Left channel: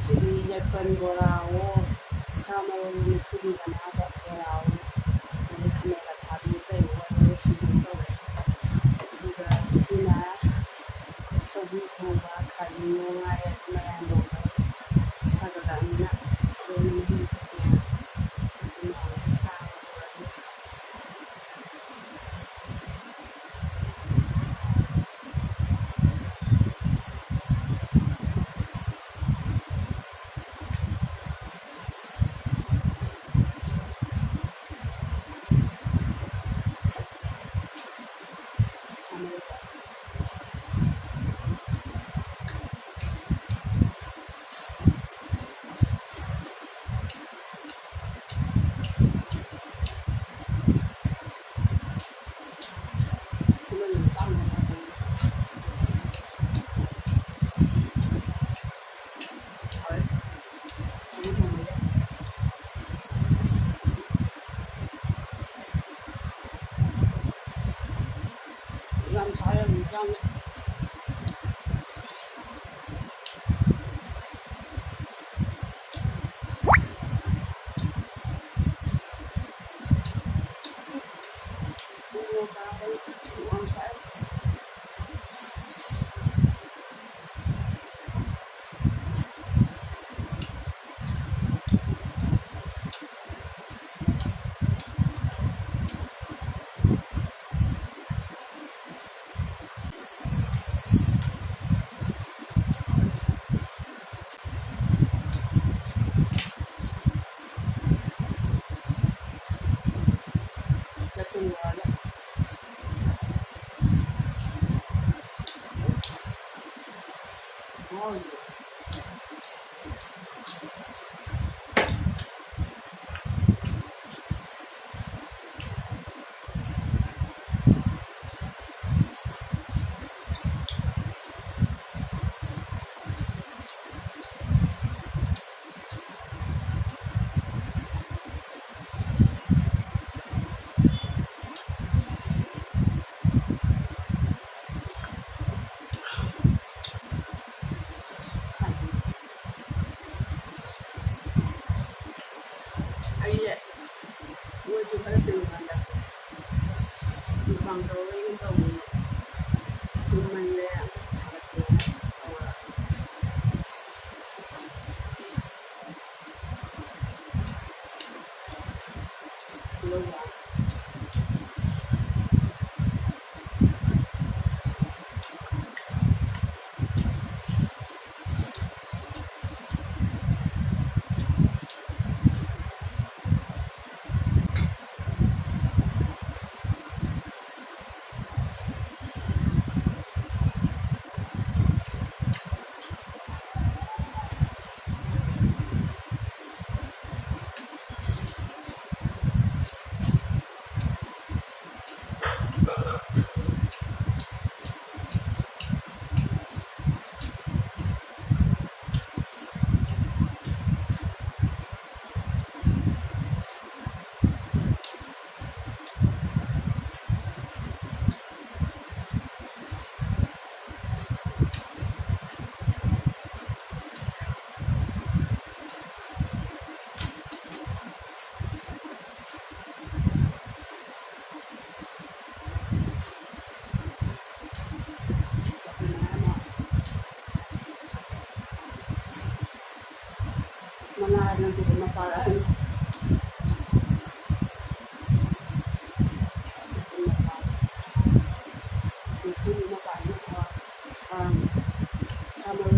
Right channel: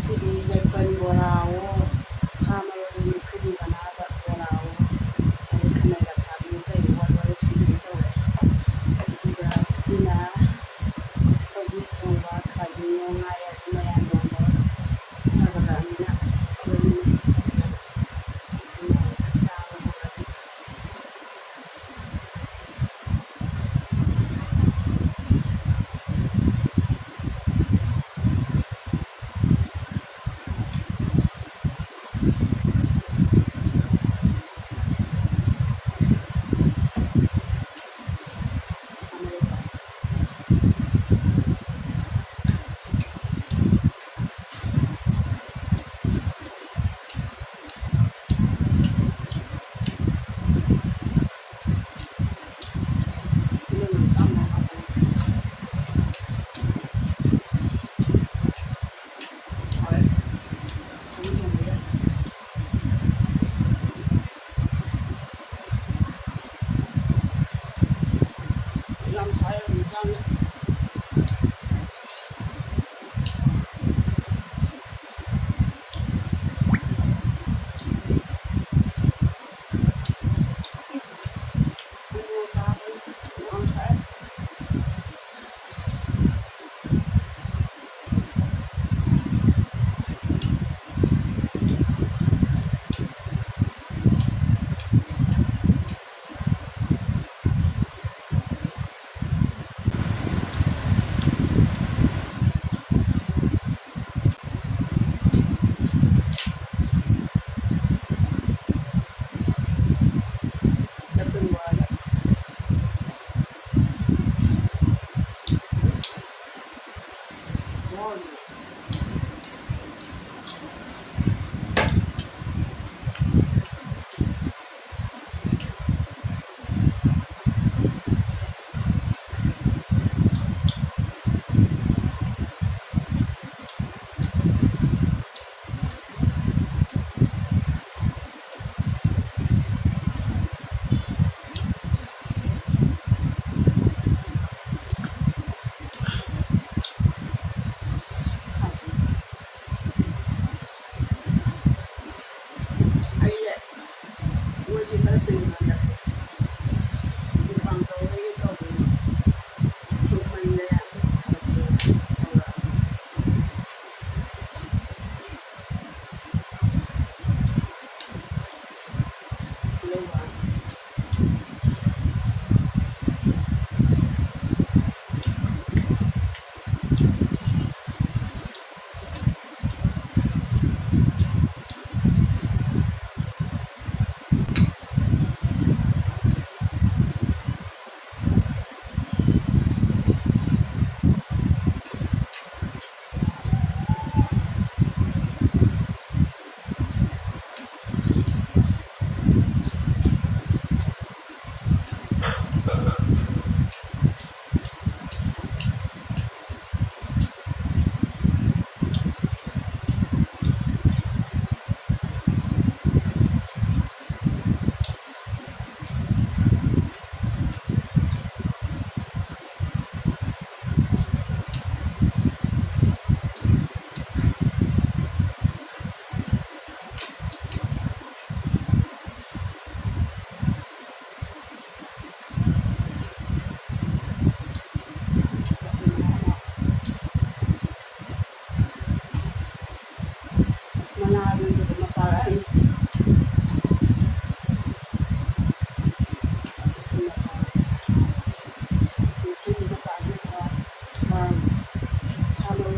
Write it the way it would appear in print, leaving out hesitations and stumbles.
ꯉꯁꯤꯗꯤ ꯌꯥꯏꯄꯟ ꯕꯣꯔꯥꯋꯣ ꯁꯥ ꯃꯔꯣꯏ ꯃꯨꯛꯊ꯭ꯔꯨꯕꯤ ꯃꯅꯥꯗ ꯕꯣꯔꯥꯋꯣ ꯑꯗꯩ ꯈꯥꯃꯦꯟ ꯑꯈꯥꯕꯤ ꯀꯩꯋꯣ ꯂꯣꯏꯅ ꯁꯤꯡꯖꯨ ꯇꯧꯔꯦ ꯑꯗꯨꯒ ꯁꯤꯅ ꯁꯧꯒ꯭ꯔꯤ ꯊꯣꯡꯕ ꯈꯥꯖꯤꯡꯋꯣ ꯉꯥ ꯑꯌꯥꯏꯕ ꯃꯌꯥꯟ-ꯃꯌꯥꯟ ꯁꯥꯒꯠꯂꯛꯑꯕꯅꯤꯅ ꯂꯣꯏꯅ ꯃꯍꯤ ꯊꯛꯀꯦꯅ ꯑꯗꯨꯅ ꯑꯃꯨꯛꯇ ꯆꯥꯕ ꯍꯧꯔꯅꯤ꯫ Làm sao em bị răng ấy. Làm sao ngon. Tôi khá xinh mà đặt bằng tàu lấy cái tàu tụi mình đây ạ thật là lâu quá. Mana yang kita maparan? Itu maparan sama